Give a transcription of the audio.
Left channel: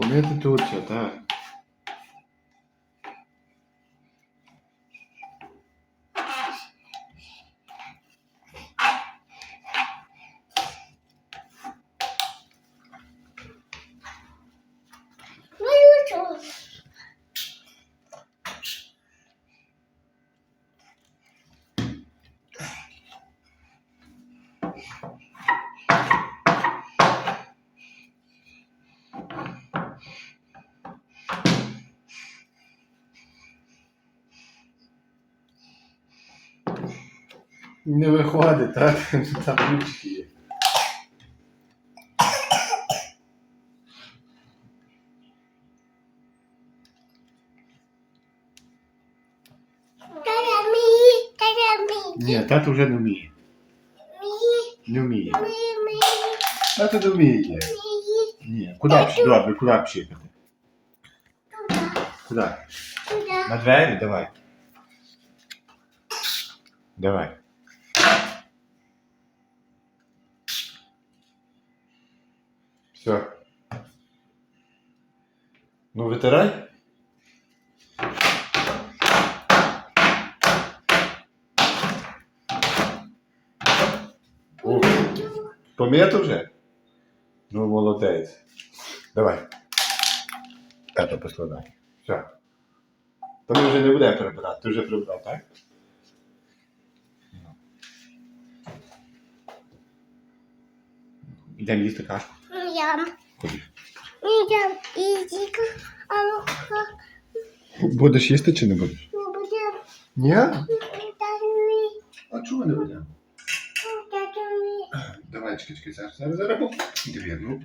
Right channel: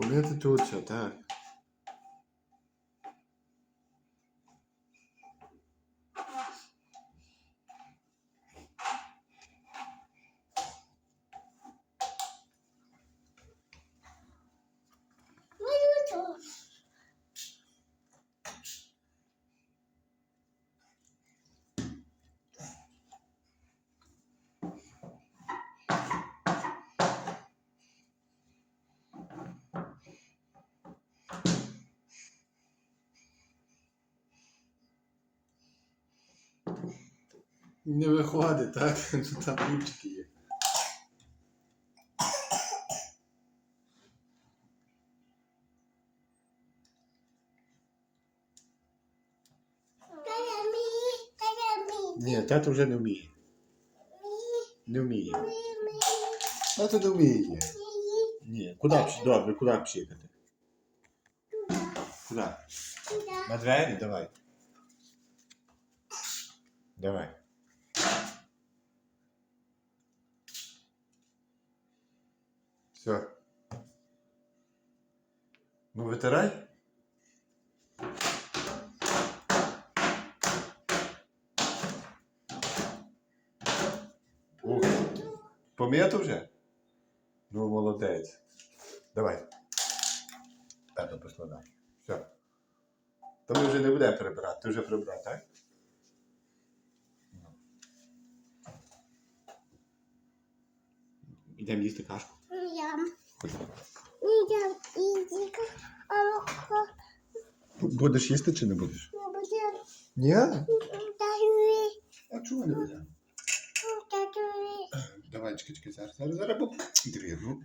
Помити тут все, так. Не виходить, так? Там ключики є. Ні, тато вже не вміє. Не вміє. Тато не вміє. Ні. Куди? Добре, куди пшикати? Куди? На двері? Давай. Давай. Все. Ну, витирай. Ух, пом'ято вже? Ну, молодець. Давай. Тато поскладай. Все. То ми вже не будемо прибирати. Ти вже прибрав, так? Йдемо їсти кашку. Ході. Ям. Ізіка. А. Будеш їсти чи не будеш? Не будемо. Ні. А чого не будемо? Давай, чекай, чекай, зараз, зараз, зараз. Дві, ну.